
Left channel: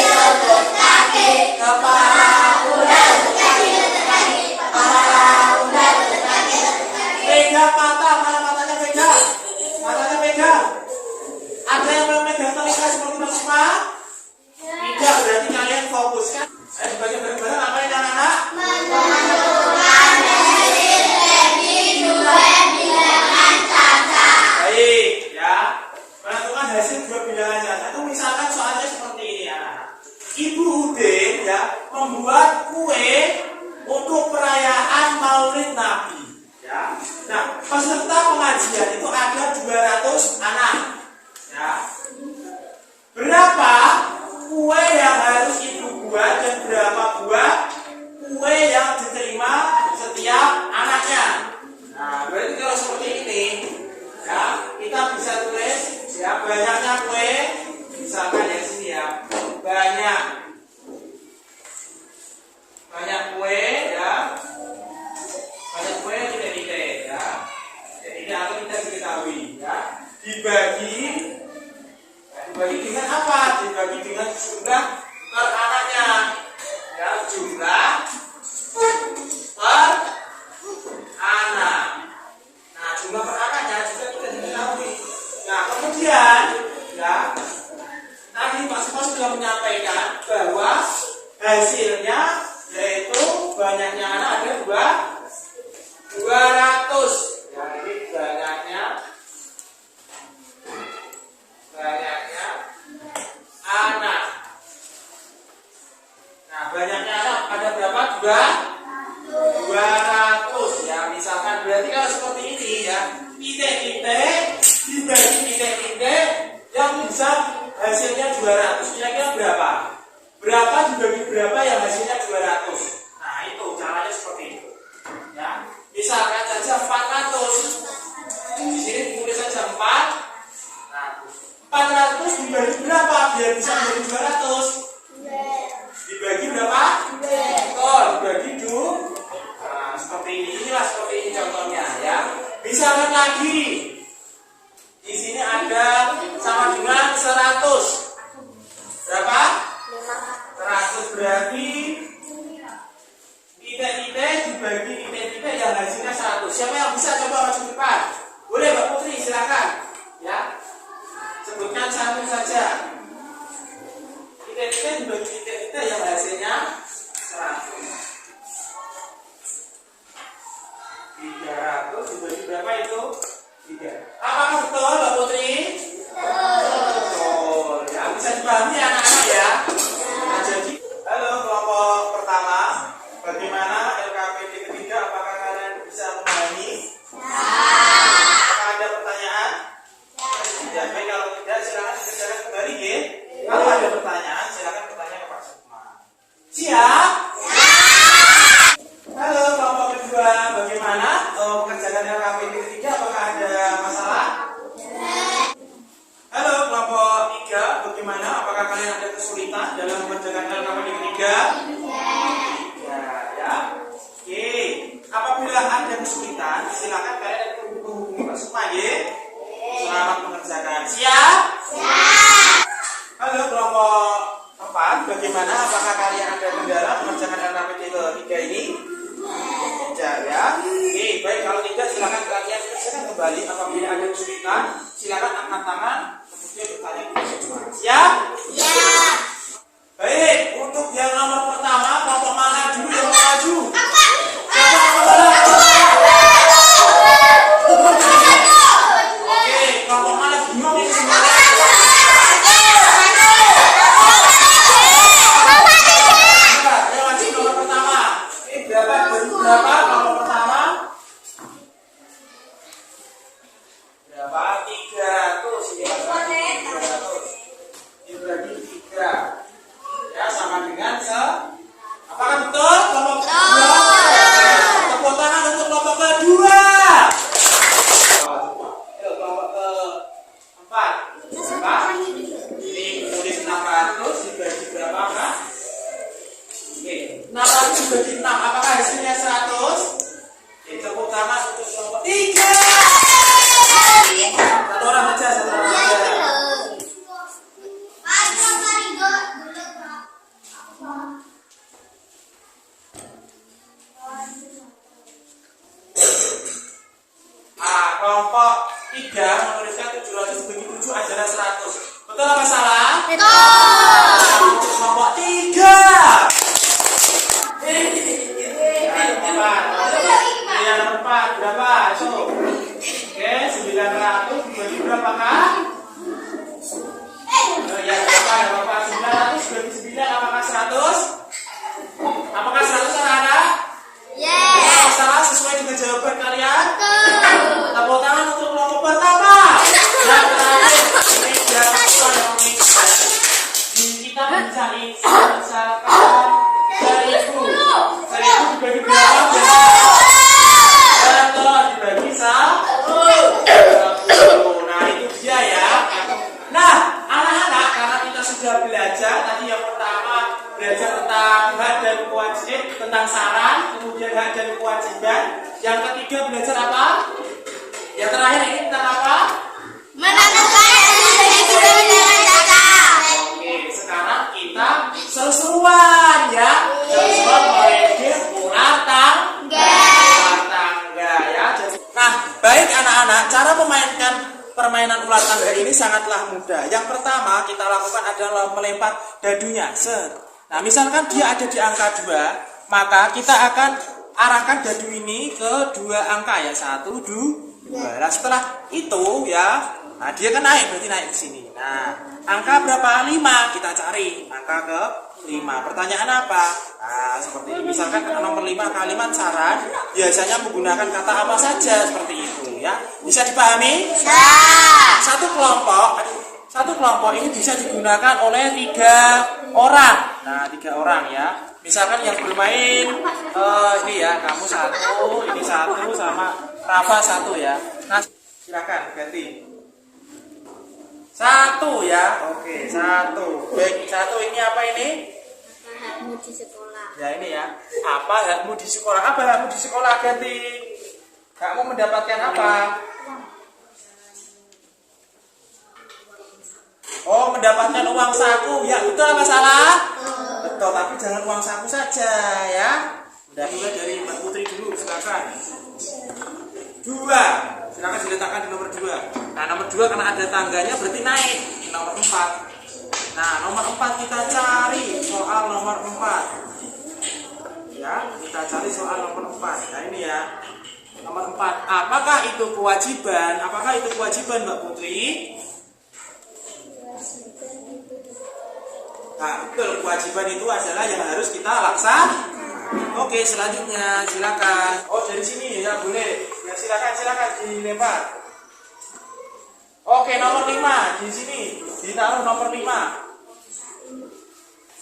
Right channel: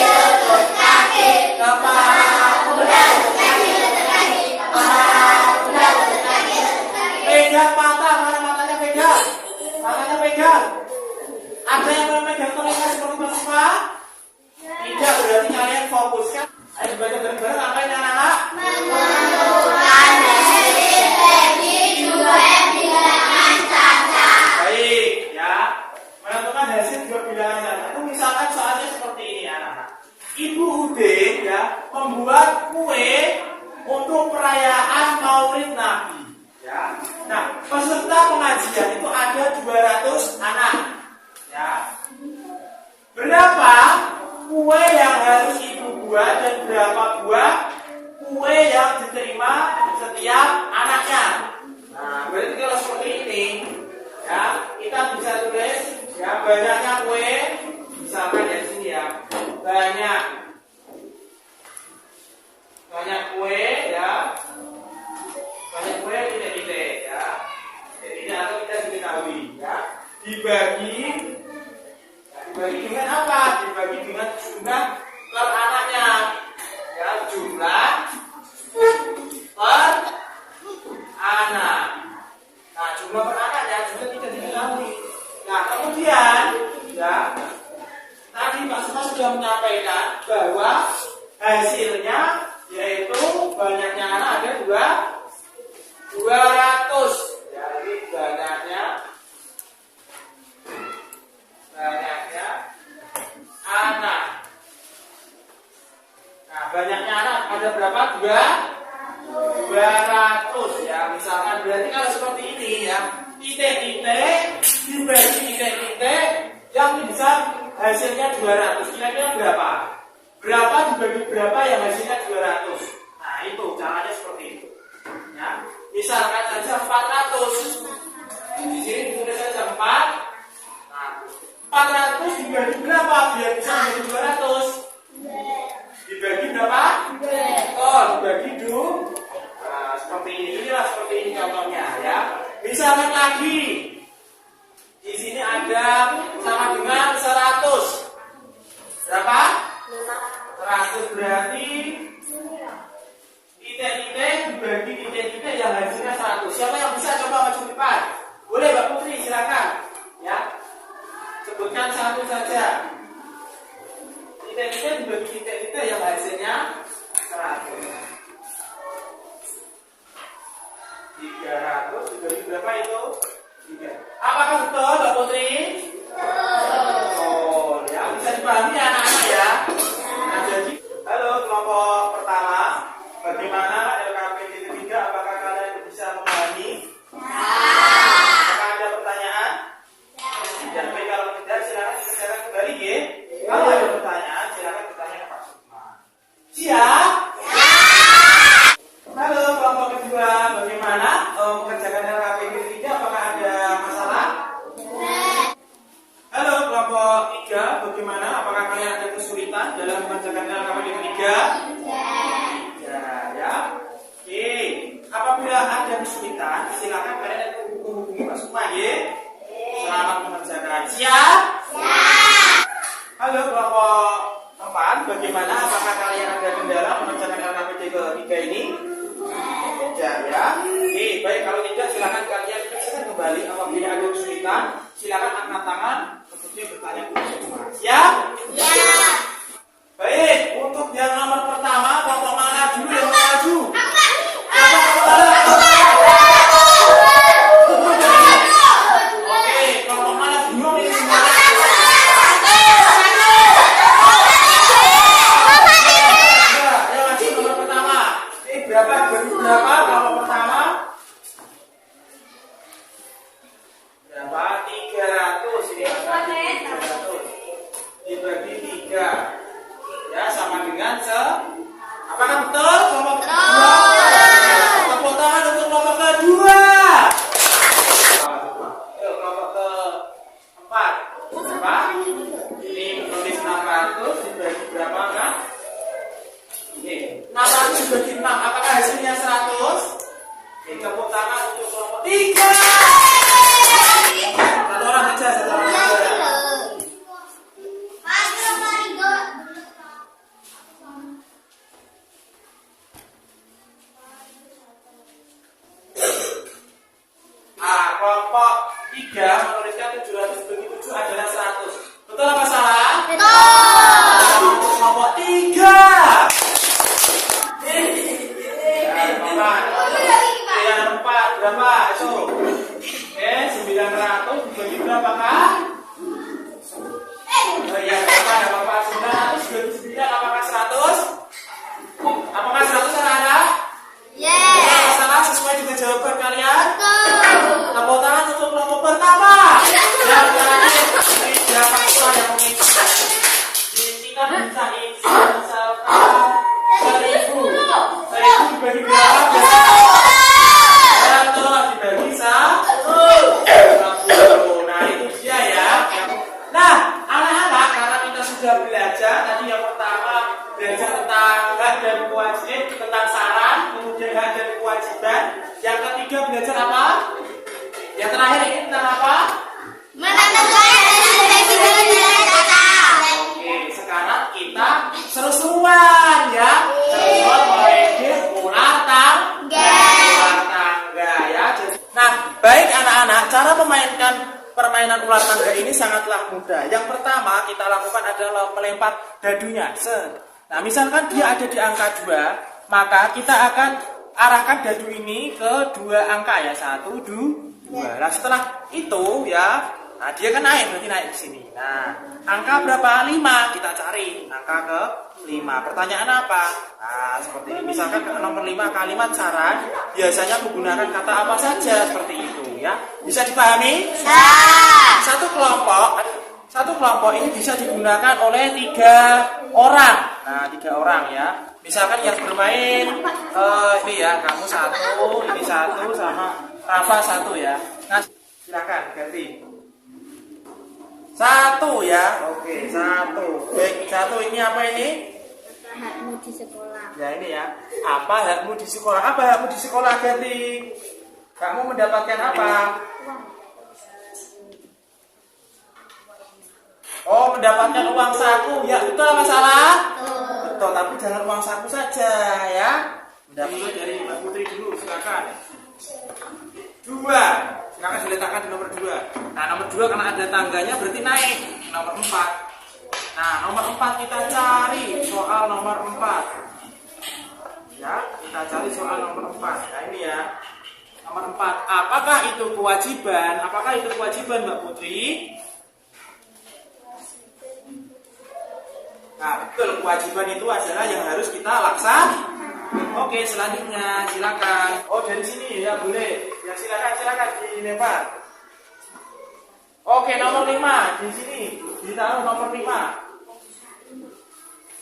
kepala, pundak, lutut, kaki, kepala, pundak, lutut, kaki. Pegang mata, mana matanya pegang? Matanya pegang. Ada yang belum pegang telinga seperti Mas Supa? Tidak, berarti kalian fokuskan. Ayo baca bareng-bareng apa yang anak? Menentukan hasil dari dua bilangan cacat. Baik, ya. Menentukan hasil dua bilangan cacat. Itu misalkan soalnya seperti ini anak-anak. Ibu Udin ya membuat kue untuk perayaan Maulid Nabi. Ya. Nah, peserta pengajian itu ada 200 anak. Ya. Berapa kue yang harus ibu buat dan berapa buah kue yang diterima banyak kue ya, banyak kue titik-titik ya, titik-titik atau tidak diketahui ya, dibagi dengan apa? Dibagi dengan jumlah per anaknya ya, jumlah per anak. Nah, jumlah per anaknya juga tidak diketahui. Nah, kemudian ya, tadi Mas sudah menyampaikan bahwa hasilnya yaitu banyaknya anak ada 200 ya, ini banyaknya anak. Nah, banyaknya anak ada berapa? 200 ya. Misalkan berarti kalau seperti ini ya, titik-titik dibagi titik-titik yang bisa hasilnya 200. Kira-kira berapa? Berapa dibagi berapa yang hasilnya 200? Nah, itu caranya seperti itu. Ya. Misalkan saja 400. Di sini ditulis saja 4. Nah, 400 dibagi berapa biar bisa menjadi 200? Dibagi berapa? Oh, dibagi 2. Nah, seperti ini. Inilah seperti ini contohnya ya. Misalkan lagi di sini ada sama dengan 100. Berapa? 100 berarti titik-titik dibagi titik-titik yang hasilnya 100. Siapa yang bisa coba maju depan? Boleh Mbak Putri, silakan. Ya. Sebutkan satu saja. Titik-titik dibagi titik-titik yang hasilnya 100. 300 dibagi berapa itu? 3. Apakah betul Mbak Putri? Betul. Ya, bisa dipahami anak-anak ya. Nah, jadi, halo kelompok pertama, bagaimana LKPD ketiga? Apakah kalian bisa memahami? Apakah ada pertanyaan? Tidak. Baik, kalau tidak silakan dikerjakan kembali ya. Kalau ada pertanyaan silakan bertanya ke Pak Sukma. Siap? Halo kelompok kedua, bagaimana mengerjakan LKPD ketiga? Apakah ada masalah? Halo kelompok 3, bagaimana? Apakah kalian ada kesulitan dalam mengerjakan LKPD ketiga? Ya. Oke. Apabila ada kesulitan, silakan kalian menghubungi Pak Sukma ya. Selamat mengerjakan. Siap? Halo kelompok 4, bagaimana? Apakah kalian ada kendala mengerjakan LKPD ketiga ini? Tidak ya. Oke, baik, kalau tidak silakan kalian kerjakan kembali. Apabila ada kesulitan, silakan angkat tangan kemudian bertanya ke Pak Sukma. Siap? Baik, untuk yang nomor pertama, kelompok mana dulu yang mau maju? Siapa kelompok mana? Oke, kelompok mana bingung ini semuanya? Ya, maju nomor pertama. Ini berapa? Berapa kelompok pertama? Berapa? 300 ini Mas. 300 dibagi 3 ya, sama dengan apakah betul kelompok kedua? Tepuk tangan untuk kelompok kedua. Coba. Yuk, kelompok keempat. Berapa? Ini tulis 600 dibagi berapa kan? Oke, 600 dibagi 6. Apakah hasilnya 100? Oke, tepuk tangan untuk kelompok 3. Satu orang saja. Kelompok 3 menuliskan 700 bagi 7 adalah 100. Betul apa salah? Betul. Untuk kelompok 3. Yang nomor 4 berapa? Itu. Oke, 900 dibagi berapa kak? Ya, berapa? 900 dibagi 9 apakah 100? Apakah 100 anak-anak? Yes. Salah sesuai dengan jawaban kalian? Tepuk tangan untuk kelompok pertama. Yang terakhir, ini berapa siswa yang mengikuti? Kita bisa misalkan 1000 dibagi berapa? Betul, dibagi 10. Nah, itu dia ya. Nah, anak-anak, karena kita sudah belajar tadi yang pertama belajar tentang tentang saran, kemudian hak dan kewajiban. Yang ketiga belajar apa? Yang terakhir ini tentang apa? Menentukan dan juga kata. Oke, sekarang kita seru-seruan ya. Seru-seruan mengedit ular tangga ya. Nah, baik anak-anak, cara memainkan permainan ular tangga ini sangatlah mudah. Yang pertama kita lakukan adalah melempar dadunya. Nah, misalkan dia ada di angka 2, maka kita akan arahkan dadu ini ke 2 angka ya. 1, 2. Nah, setelah itu ya, nah dia kan naik, berarti naik ke sini. Nah, angka berapa? 5. Kita cari angka ke 5. Pertanyaan apa? Nah, seperti ini. Misalkan nomor 5 kalimat saran biasanya menggunakan kata apa saja seperti itu ya. Bisa dipahami? Ya. Satu kelompok ini bisa digunakan oleh 3 orang. Nah, 3 orang ya. Misalkan yang bermain ini ya, kamu 1, ini 1 sama Rafa 1 ya. Nah, silakan ganti. 1 ya. Oke, 1. Baik, 1 ini apa ini? Apa hakmu di sekolah? Ya ini ya. Apa hakmu di sekolah? Apa hakmu di sekolah ganti? Kamu mendapatkan apa? Oh, mendapatkan uang saku. Ya, betul apa salah? Betul, tapi jangan uang saku saja ya. Mendapatkan dari Mbak Putri dulu, silakan. 2. Silakan diletakkan di nomor 2. Nah, nomor 2 karena ada tangganya berarti naik. Nomor 4. Nah, nomor 4 kita cari soal nomor 4. Ya, kita cari soal nomor 4. Nah, ini ya. Nomor 4. Apakah itu kewajiban? Apakah itu kewajiban, Mbak Putri? Nah, betul, kewajiban itu adalah yang harus kita laksanakan. Oke, selanjutnya silakan. Oh, dari sini ya boleh. Ya silakan dilempar. Oke, nomor 5 di sini. Ditaruh nomor 5.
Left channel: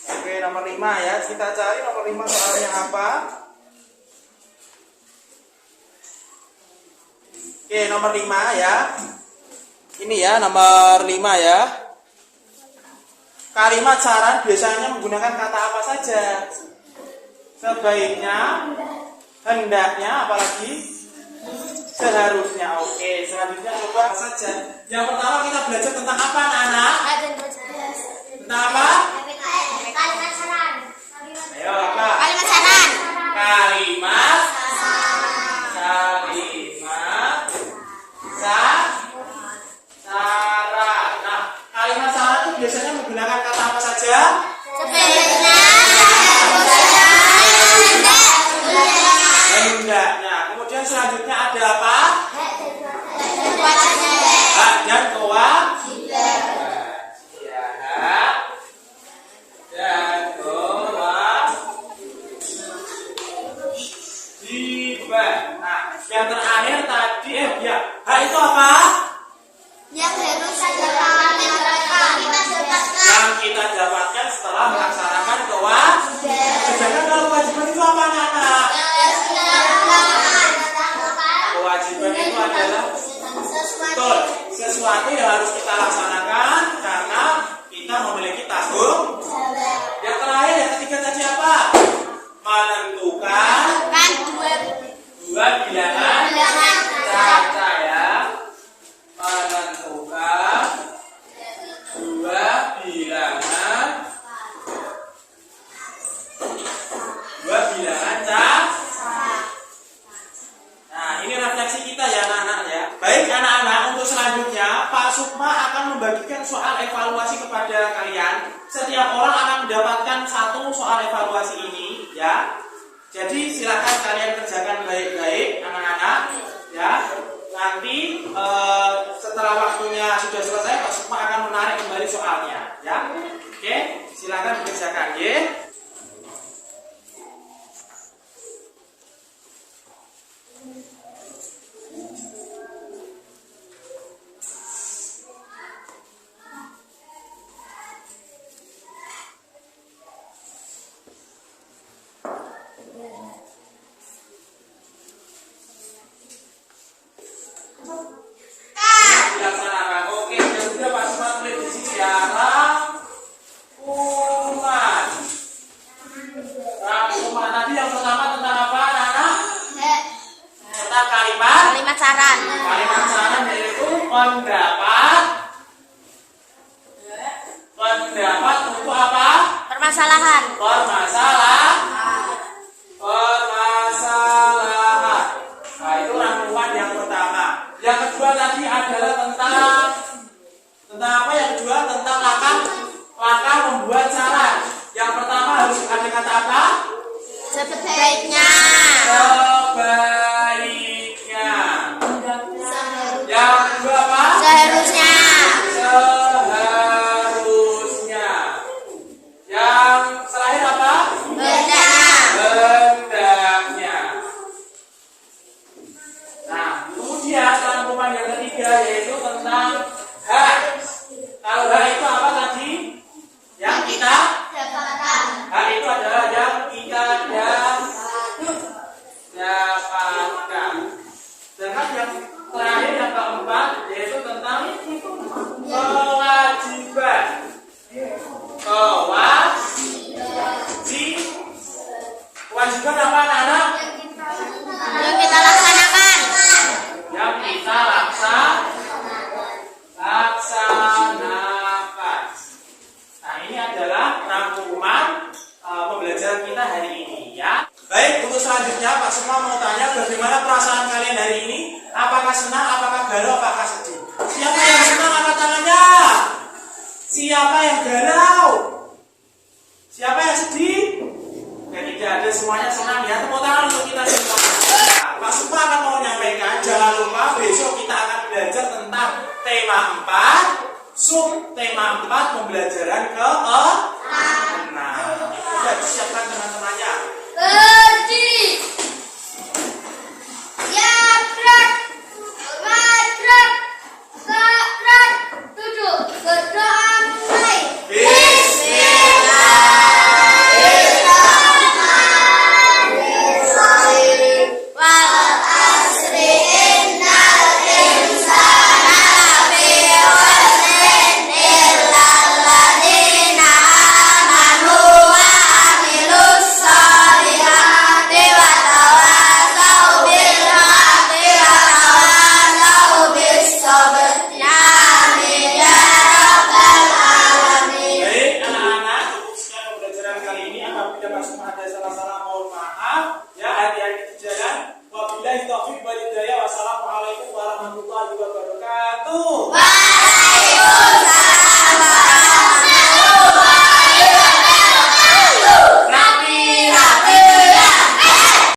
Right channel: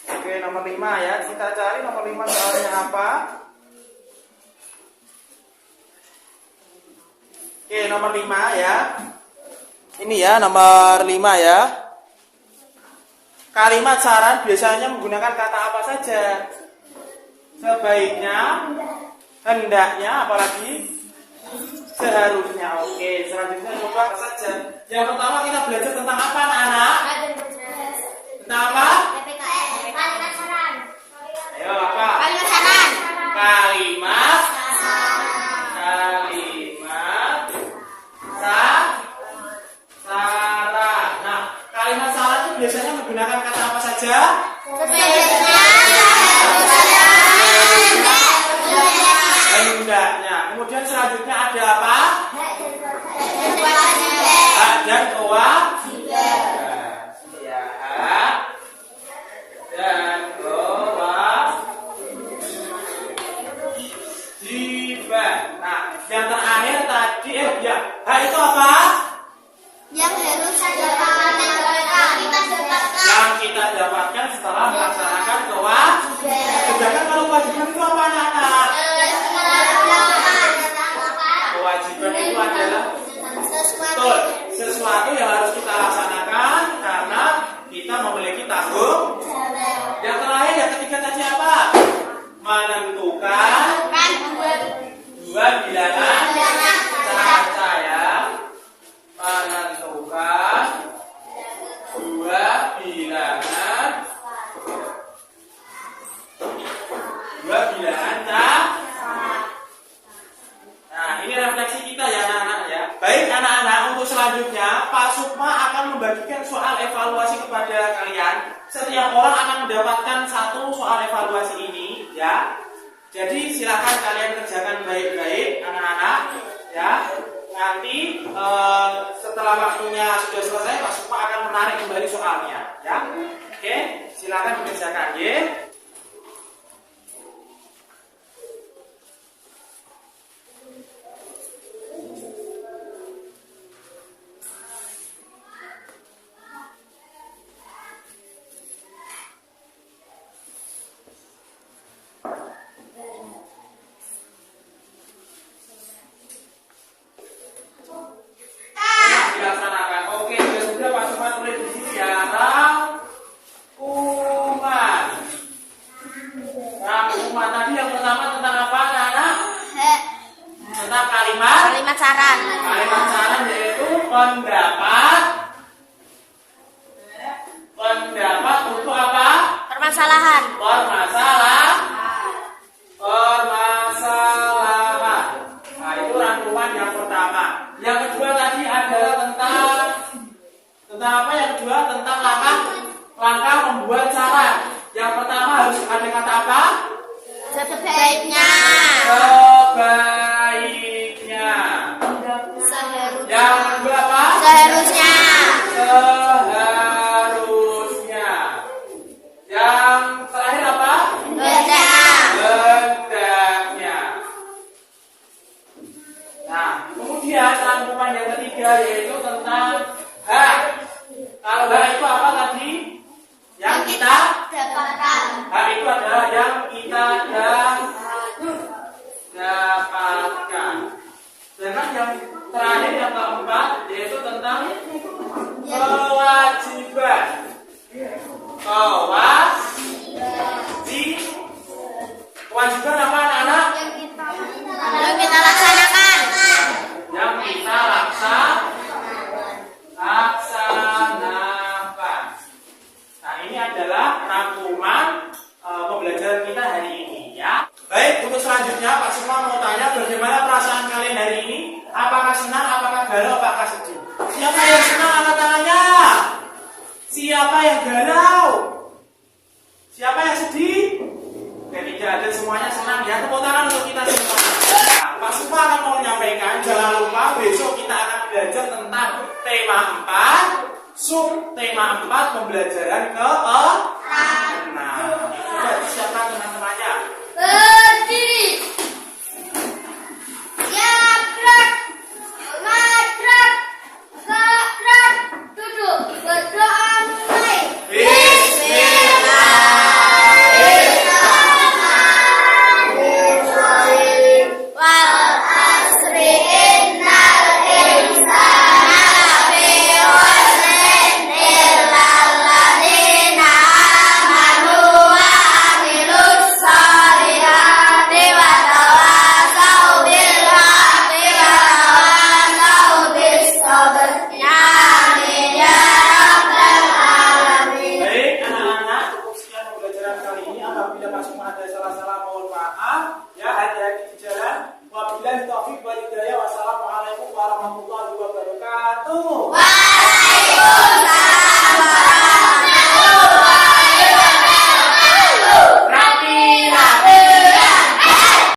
Oke, nomor 5 ya. Kita cari nomor 5 soalnya apa? Oke, nomor 5 ya. Ini ya, nomor 5 ya. Kalimat saran biasanya menggunakan kata apa saja? Sebaiknya, hendaknya, apalagi seharusnya. Oke, selanjutnya coba apa saja. Yang pertama kita belajar tentang apa, anak-anak? Tentang apa? Kalimat saran. Ayo, apa? Kalimat saran. Kalimat saran. Nah, kalimat saran itu biasanya menggunakan kata apa saja? Hendaknya. Kemudian selanjutnya ada apa? Hak dan kewajiban. Ya, hak dan kewajiban. Nah, yang terakhir tadi hak itu apa? Yang harus kita lakukan. Yang kita dapatkan setelah melaksanakan kewajiban. Sedangkan kalau kewajiban itu apa, anak-anak? Kewajiban itu adalah betul, sesuatu yang harus kita laksanakan karena kita memiliki tanggung. Yang terakhir, yang ketiga tadi apa? Menentukan dua bilangan caca ya. Menentukan dua bilangan caca. Nah, ini refleksi kita ya anak-anak ya. Baik anak-anak, untuk selanjutnya Pak Sukma akan membagikan soal evaluasi kepada kalian. Setiap orang akan mendapatkan 1 soal evaluasi ini ya. Jadi silakan kalian kerjakan baik-baik anak-anak ya. Nanti setelah waktunya sudah selesai Pak Sukma akan menarik kembali soalnya ya. Oke, silakan dikerjakan ya. Dilaksanakan. Oke, sudah Pak Sukma tulis di sini ya. Rangkuman. pertama tentang apa, anak-anak? Tentang kalimat saran. Kalimat saran yaitu pendapat untuk apa? Permasalahan. Permasalahan. Nah, itu rangkuman yang pertama. Yang kedua tadi adalah tentang apa? Yang kedua tentang langkah membuat saran. Yang pertama harus ada kata apa? Sebaiknya. Yang kedua apa? Seharusnya. Yang terakhir apa? Hendaknya. Nah, kemudian rangkuman yang ketiga yaitu tentang hak. Kalau hak itu apa tadi? Yang kita hak itu adalah yang kita dapatkan. Sedangkan yang terakhir yang keempat yaitu tentang kewajiban. Kewajiban apa anak-anak? Yang kita laksanakan. Yang kita laksanakan. Nah, ini adalah rangkuman pembelajaran kita hari ini ya. Baik, untuk selanjutnya Pak Sukma mau tanya bagaimana perasaan kalian hari ini? Apakah senang, apakah galau, apakah sedih? Siapa yang senang angkat tangannya? Siapa yang galau? Siapa yang sedih? Oke, tidak ada, semuanya senang ya. Tepuk tangan untuk kita semuanya. Nah, Pak Sukma akan mau menyampaikan, jangan lupa besok kita akan belajar tentang tema 4, tema 4 pembelajaran ke-6. Itu sudah disiapkan teman-temannya.